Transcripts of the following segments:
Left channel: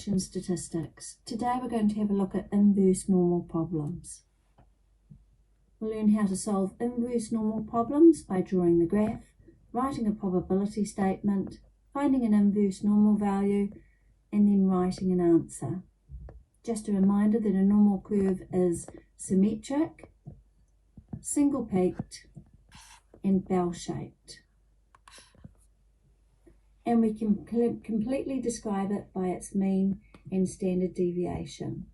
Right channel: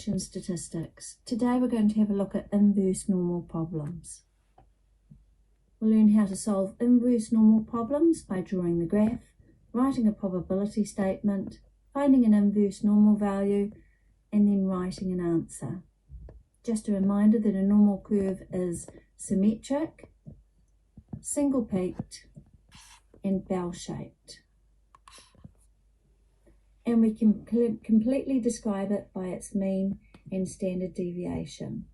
Statistics. Today we're going to have a look at inverse normal problems. We'll learn how to solve inverse normal problems by drawing the graph, writing a probability statement, finding an inverse normal value, and then writing an answer. Just a reminder that a normal curve is symmetric, single-peaked, and bell-shaped. And we can completely describe it by its mean and standard deviation.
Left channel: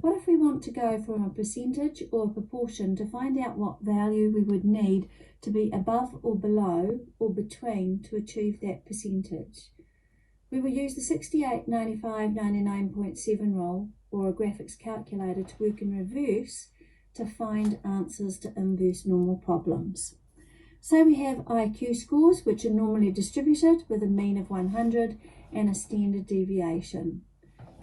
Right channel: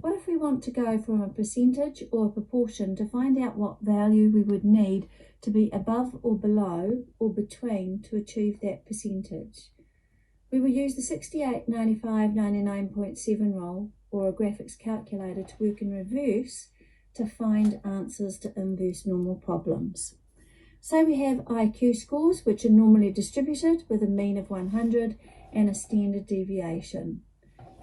What if we want to go from a percentage or a proportion to find out what value we would need to be above or below or between to achieve that percentage? We will use the 68, 95, 99.7 rule or a graphics calculator to work in reverse to find answers to inverse normal problems. Say we have IQ scores which are normally distributed with a mean of 100 and a standard deviation.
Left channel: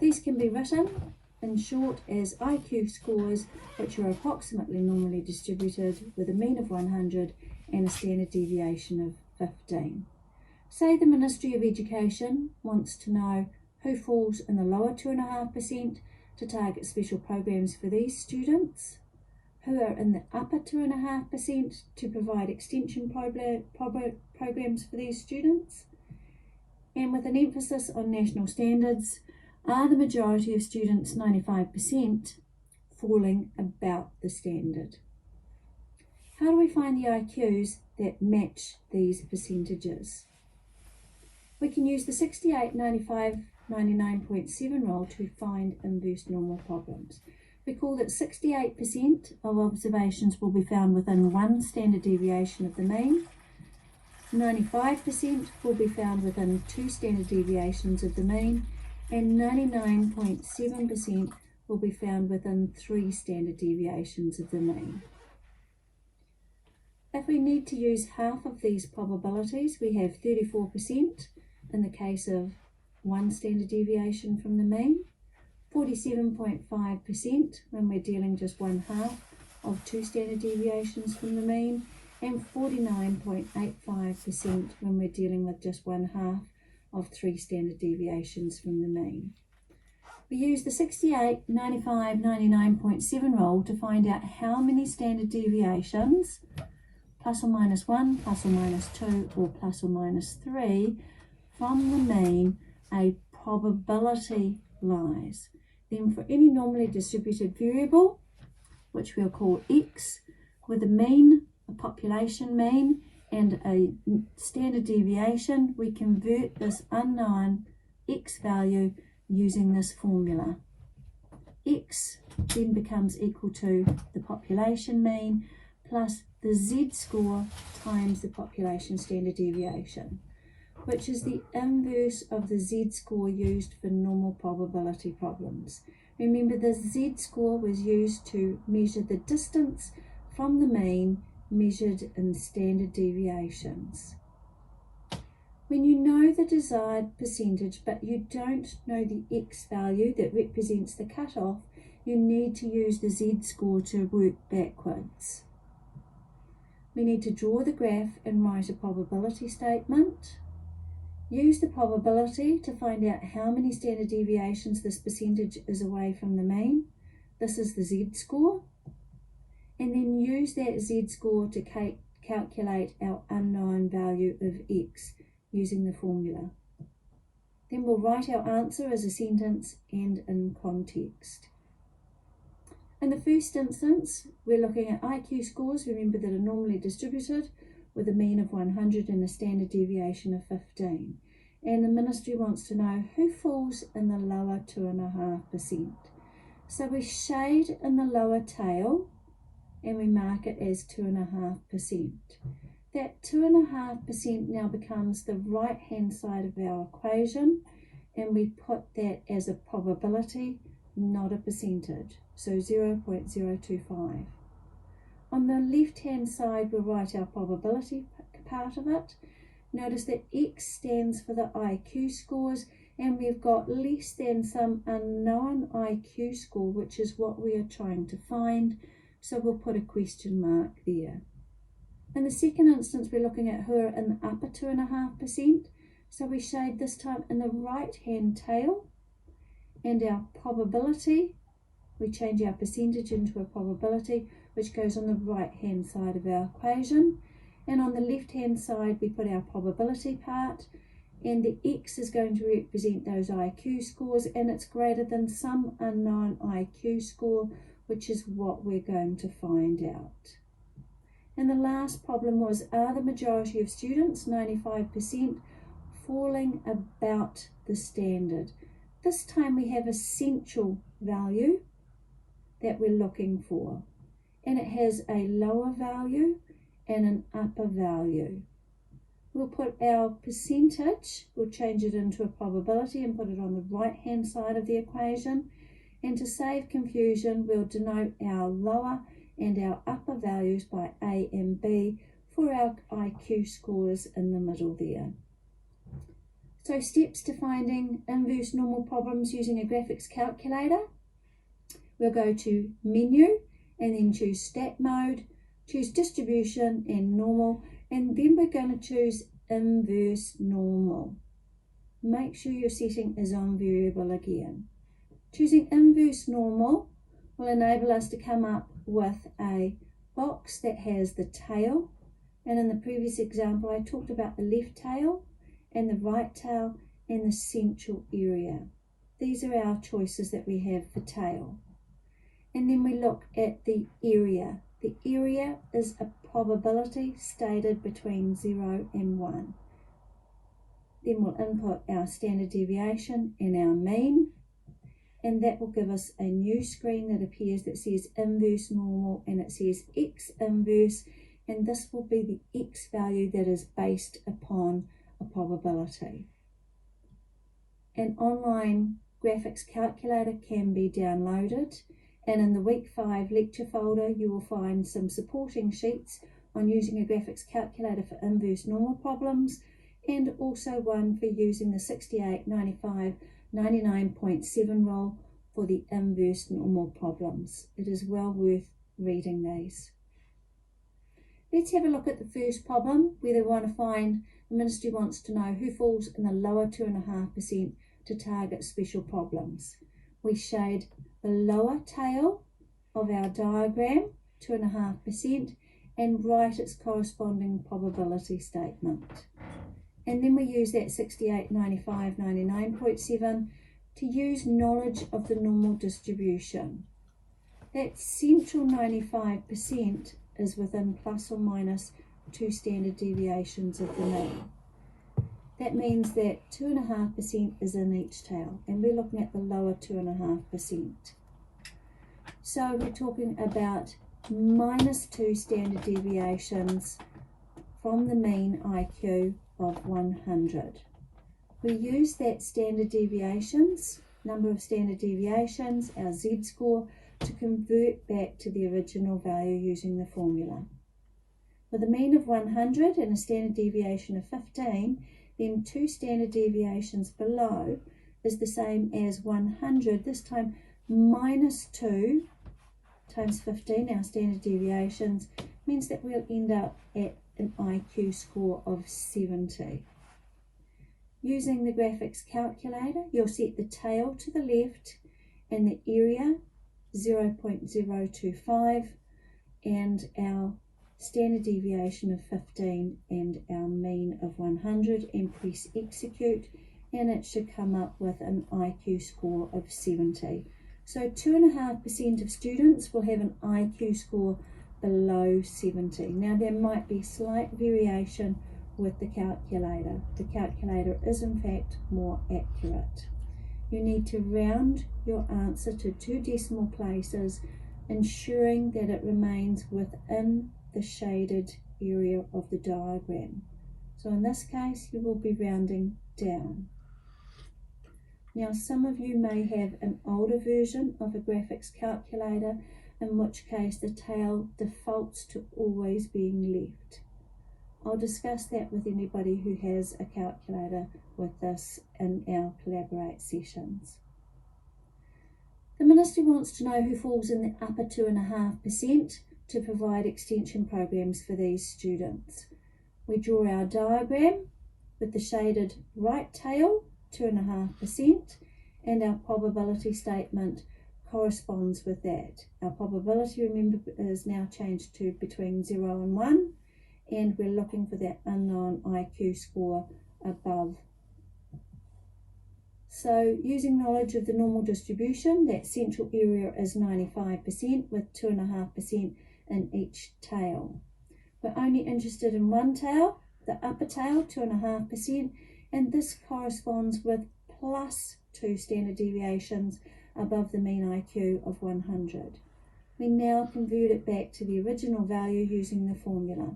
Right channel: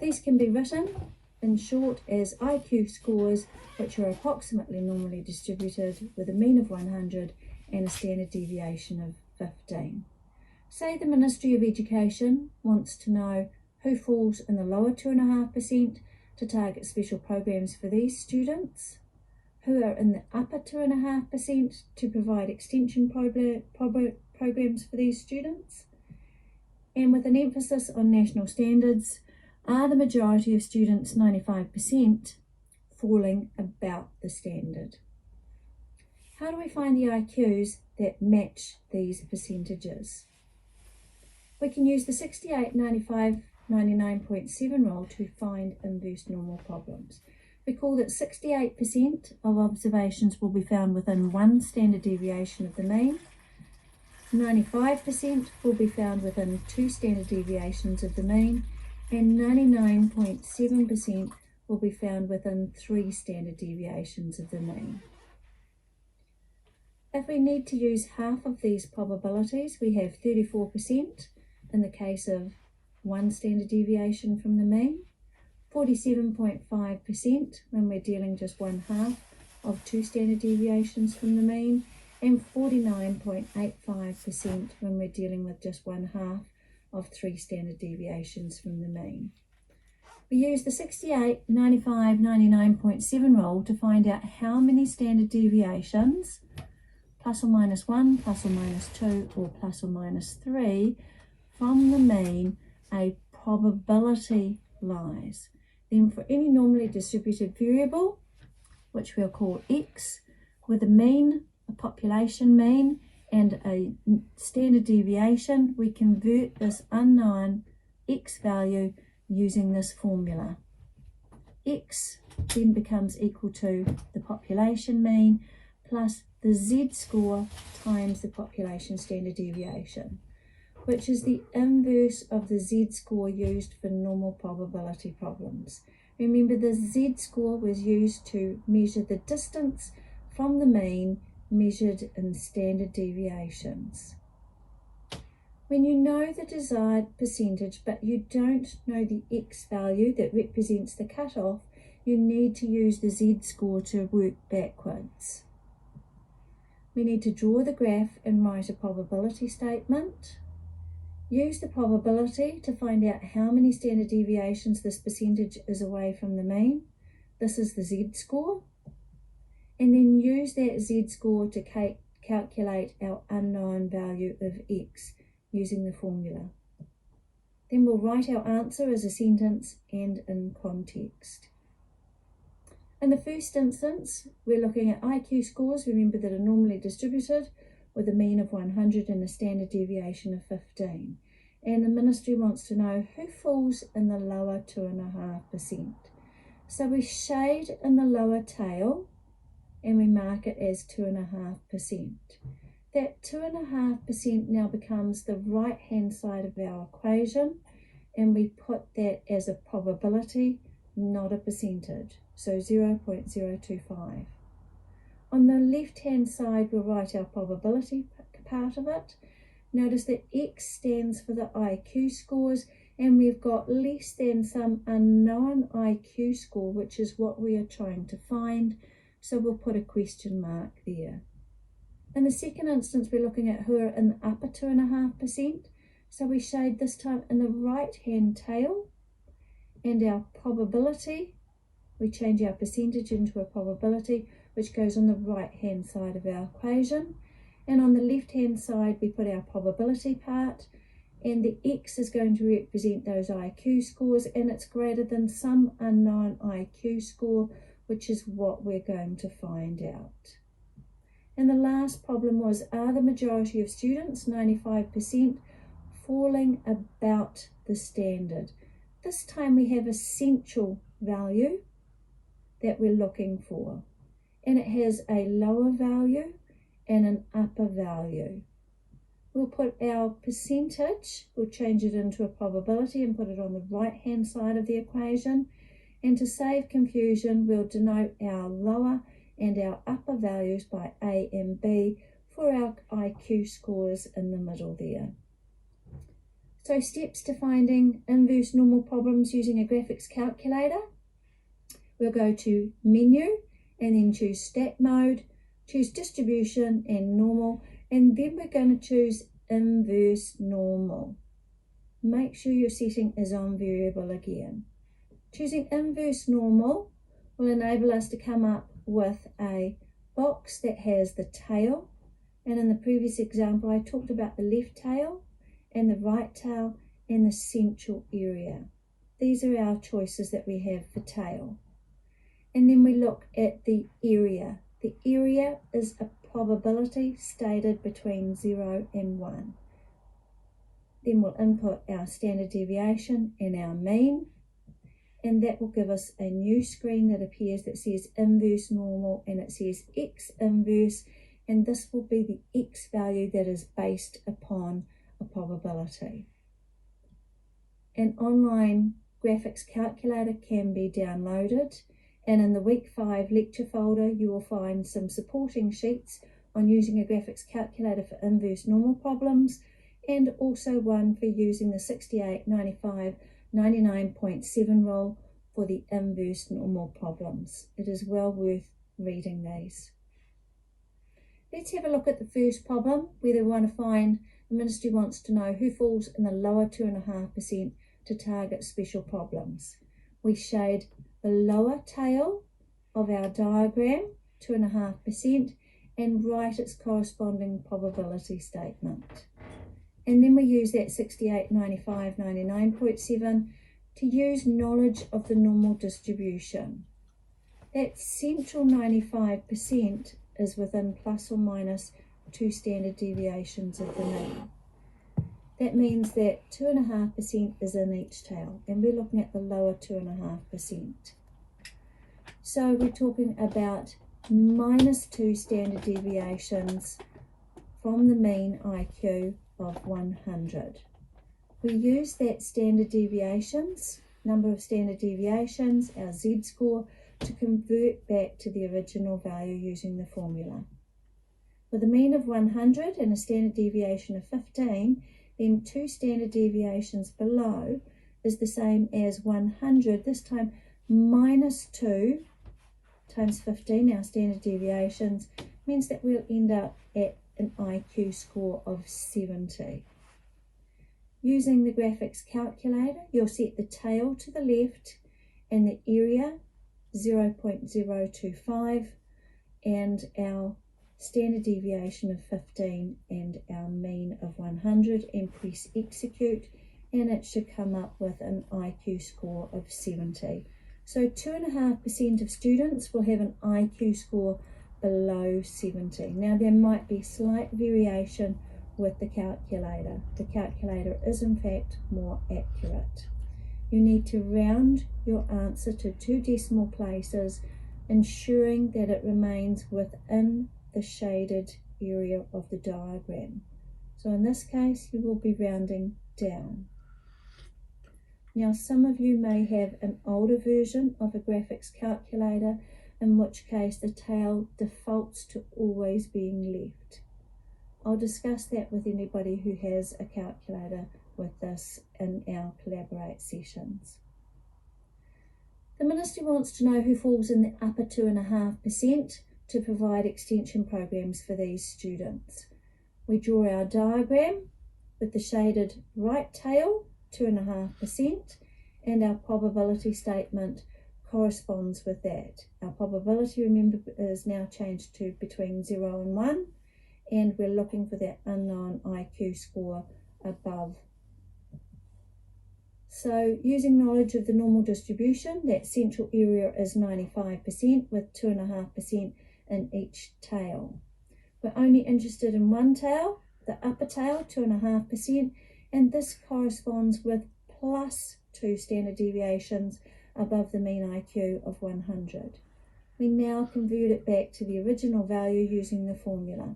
These can be written in short as IQ scores which are approximately normally distributed with a mean of 100 and a standard deviation of 15. Say the Ministry of Education wants to know who falls in the lower 2.5% to target special programs for these students, who are in the upper 2.5% to provide extension programs for these students, and with an emphasis on national standards, are the majority of students, 95%, falling about the standard? How do we find the IQs that match these percentages? We can use the 68, 95, 99.7 rule to find inverse normal problems. Recall that 68% of observations will be found within one standard deviation of the mean, 95% will be found within two standard deviations of the mean, and 99.7% will be found within three standard deviations of the mean. If we need to use half of these probabilities, we have 34% in the case of one standard deviation from the mean, 47.5% when we're dealing just one half of two standard deviations from the mean, and 49.85% when we're dealing with just one half of three standard deviations from the mean. We use the 68, 95, 99.7 rule to find out how many standard deviations, plus or minus 1, plus or minus 2, or plus or minus 3, from the mean a probability lies. Then for any normally distributed variable, which we'll call x, with a mean, a population mean, and a standard deviation, we convert this unknown x value using this formula. X then becomes equal to the population mean plus the z-score times the population standard deviation, which is the inverse of the z-score used for normal probability problems. Remember, the z-score was used to measure the distance from the mean measured in standard deviations. When you know the desired percentage but you don't know the x value that represents the cutoff, you need to use the z-score to work backwards. We need to draw the graph and write a probability statement. Use the probability to find out how many standard deviations this percentage is away from the mean. This is the z-score. And then use that z-score to calculate our unknown value of x using the formula. Then we'll write our answer as a sentence and in context. In the first instance, we're looking at IQ scores, remember, that are normally distributed with a mean of 100 and a standard deviation of 15. And the ministry wants to know who falls in the lower 2.5%. So we shade in the lower tail and we mark it as 2.5%. That 2.5% now becomes the right hand side of our equation, and we put that as a probability, not a percentage, so 0.025. On the left hand side we'll write our probability part of it. Notice that X stands for the IQ scores, and we've got less than some unknown IQ score, which is what we are trying to find, so we'll put a question mark there. In the second instance, we're looking at who are in the upper 2.5%, So we shade this time in the right-hand tail, and our probability, we change our percentage into a probability, which goes on the right-hand side of our equation. And on the left-hand side, we put our probability part, and the X is going to represent those IQ scores, and it's greater than some unknown IQ score, which is what we're going to find out. And the last problem was, are the majority of students, 95%, falling about the standard? This time we have a central value that we're looking for, and it has a lower value and an upper value. We'll put our percentage, we'll change it into a probability and put it on the right-hand side of the equation. And to save confusion, we'll denote our lower and our upper values by A and B for our IQ scores in the middle there. So steps to finding inverse normal problems using a graphics calculator. We'll go to Menu and then choose Stat Mode, choose Distribution and Normal, and then we're going to choose Inverse Normal. Make sure your setting is on Variable again. Choosing Inverse Normal will enable us to come up with a box that has the tail, and in the previous example I talked about the left tail and the right tail and the central area. These are our choices that we have for tail. And then we look at the area. The area is a probability stated between 0 and 1. Then we'll input our standard deviation and our mean, and that will give us a new screen that appears that says inverse normal, and it says X inverse, and this will be the X value that is based upon a probability. An online graphics calculator can be downloaded, and in the Week 5 lecture folder you will find some supporting sheets on using a graphics calculator for inverse normal problems, and also one for using the 68, 95, 99.7 rule for the inverse normal problems. It is well worth reading these. Let's have a look at the first problem where they want to find, the ministry wants to know who falls in the lower 2.5% to target special problems. We shade the lower tail of our diagram, 2.5%, and write its corresponding probability statement. And then we use that 68, 95, 99.7 to use knowledge of the normal distribution. That central 95% is within plus or minus 2 standard deviations of the mean. That means that 2.5% is in each tail, and we're looking at the lower 2.5%. So we're talking about minus 2 standard deviations from the mean IQ of 100. We use that standard deviations, number of standard deviations, our Z-score, to convert back to the original value using the formula. With a mean of 100 and a standard deviation of 15, then 2 standard deviations below is the same as 100, this time minus 2 times 15, our standard deviations, means that we'll end up at an IQ score of 70. Using the graphics calculator, you'll set the tail to the left and the area 0.025 and our standard deviation of 15 and our mean of 100, and press execute, and it should come up with an IQ score of 70. So 2.5% of students will have an IQ score below 70. Now there might be slight variation with the calculator. The calculator is in fact more accurate. You need to round your answer to 2 decimal places, ensuring that it remains within the shaded area of the diagram. So in this case you will be rounding down. Now some of you may have an older version of a graphics calculator, in which case the tail defaults to always being left. I'll discuss that with anybody who has a calculator with this in our Collaborate sessions. The ministry wants to know who falls in the upper 2.5% to provide extension programs for these students. We draw our diagram with the shaded right tail 2.5%, and our probability statement corresponds with that. Our probability, remember, is now changed to between 0 and 1, and we're looking for that unknown IQ score above. So using knowledge of the normal distribution, that central area is 95% with 2.5% in each tail. We're only interested in one tail, the upper tail, 2.5%, and this corresponds with plus 2 standard deviations above the mean IQ of 100. We now convert it back to the original value using the formula.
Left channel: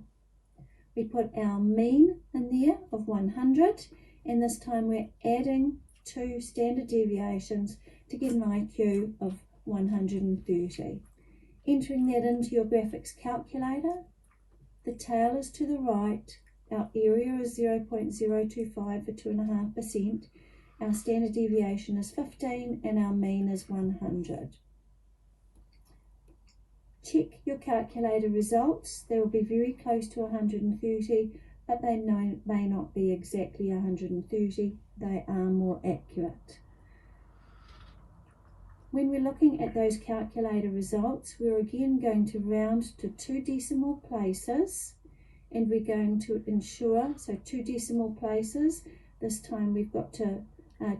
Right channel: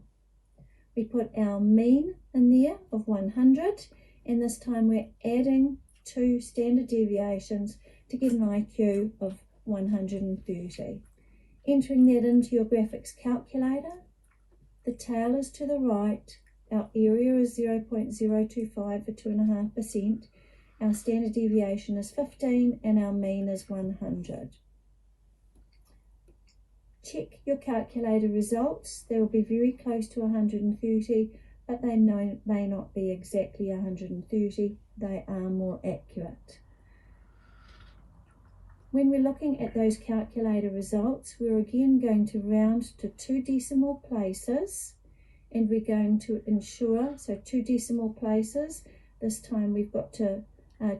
We put our mean in there of 100, and this time we're adding 2 standard deviations to get an IQ of 130. Entering that into your graphics calculator, the tail is to the right, our area is 0.025 for 2.5%, our standard deviation is 15, and our mean is 100. Check your calculator results. They will be very close to 130, but they may not be exactly 130. They are more accurate. When we're looking at those calculator results, we're again going to round to 2 decimal places, and we're going to ensure, so 2 decimal places, this time we've got to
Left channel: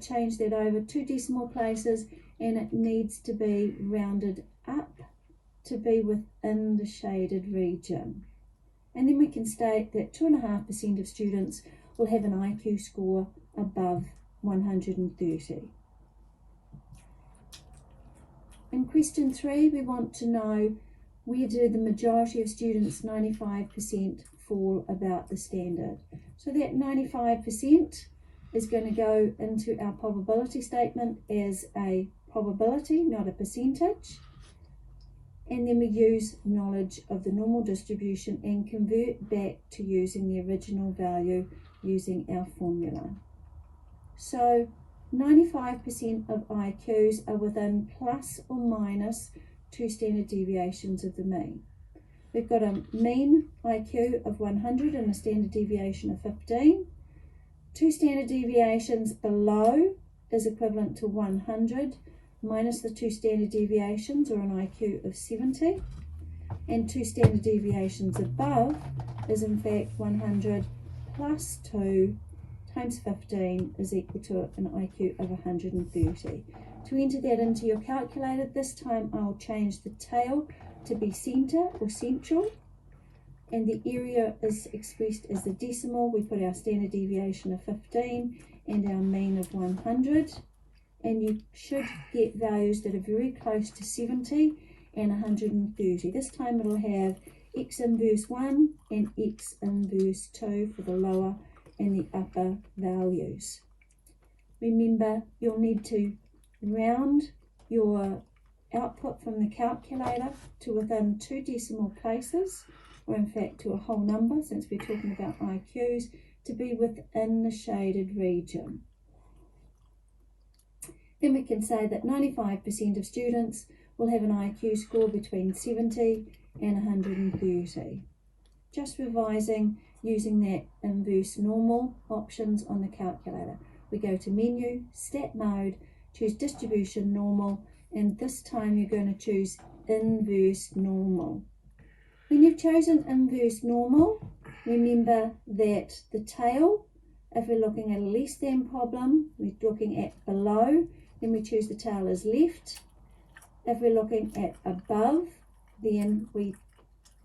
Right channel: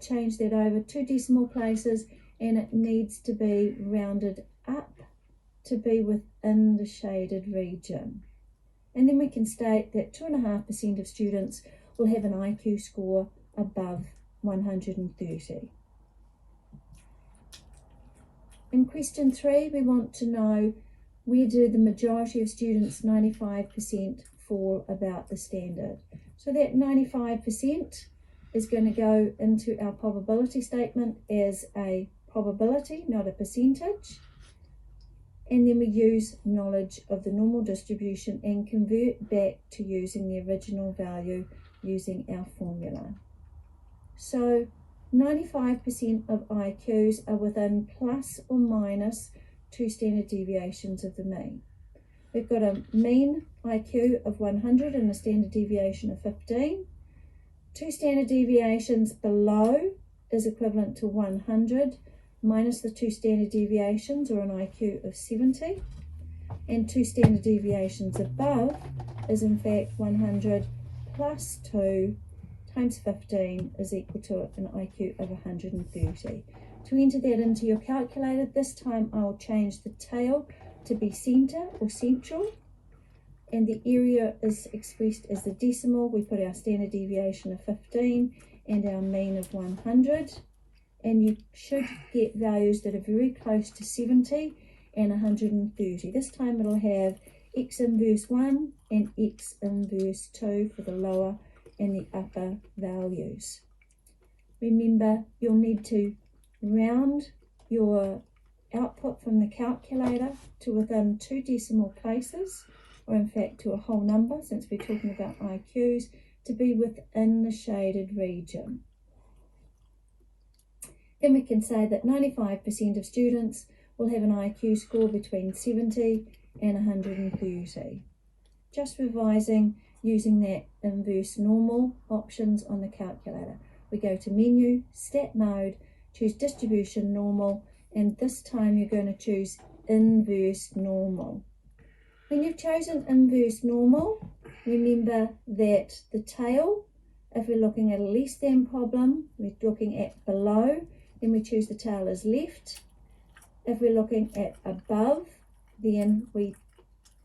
change that over 2 decimal places, and it needs to be rounded up to be within the shaded region. And then we can state that 2.5% of students will have an IQ score above 130. In question 3, we want to know, where do the majority of students, 95%, fall about the standard? So that 95% is going to go into our probability statement as a probability, not a percentage. And then we use knowledge of the normal distribution and convert back to using the original value using our formula. So 95% of IQs are within plus or minus 2 standard deviations of the mean. We've got a mean IQ of 100 and a standard deviation of 15. 2 standard deviations below is equivalent to 100 minus the 2 standard deviations, or an IQ of 70. And 2 standard deviations above is in fact 100 plus 2 times 15 is equal to an IQ of 130. To enter that into your calculator, this time I'll change the tail to be centre or central, and the area is expressed as the decimal. We put our standard deviation of 15 and our mean of 100, and you should get values that are very close to 70 and 130. This time it'll have x inverse 1 and x inverse 2 for the lower and the upper values. Remember, you'll need to round your output from the calculator to within 2 decimal places, or in fact to a whole number, since we're talking about IQs, to be within the shaded region. Then we can say that 95% of students will have an IQ score between 70 and 130. Just revising using that inverse normal options on the calculator. We go to menu, stat mode, choose distribution normal, and this time you're going to choose inverse normal. When you've chosen inverse normal, remember that the tail, if we're looking at a less than problem, we're looking at below, then we choose the tail as left. If we're looking at above, then we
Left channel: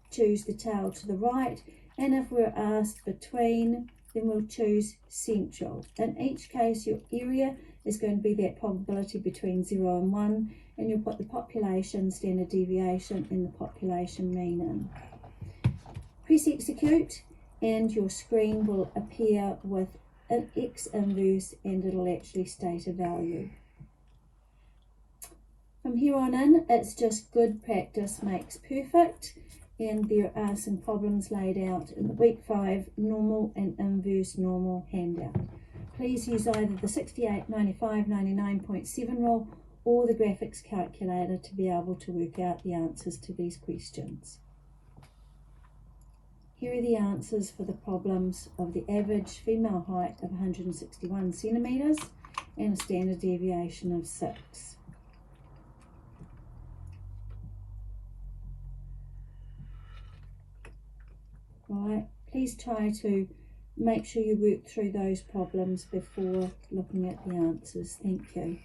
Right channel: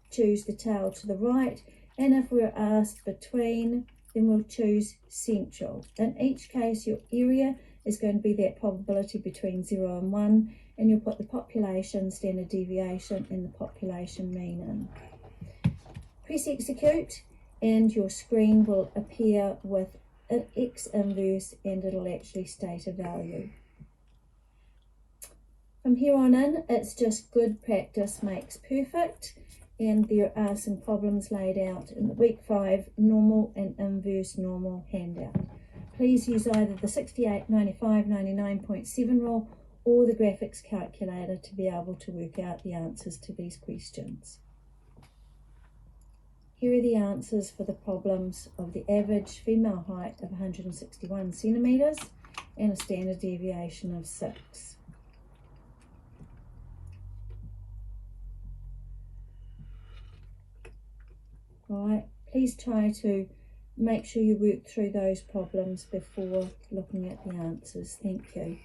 choose the tail to the right, and if we're asked between, then we'll choose central. In each case, your area is going to be that probability between 0 and 1, and you'll put the population standard deviation and the population mean in. Press execute, and your screen will appear with an X inverse, and it'll actually state a value. From here on in, it's just good practice makes perfect, and there are some problems laid out in the week 5 normal and inverse normal handout. Please use either the 68, 95, 99.7 rule or the graphics calculator to be able to work out the answers to these questions. Here are the answers for the problems of the average female height of 161 centimetres and a standard deviation of 6. Right, please try to make sure you work through those problems before looking at the answers. Thank you.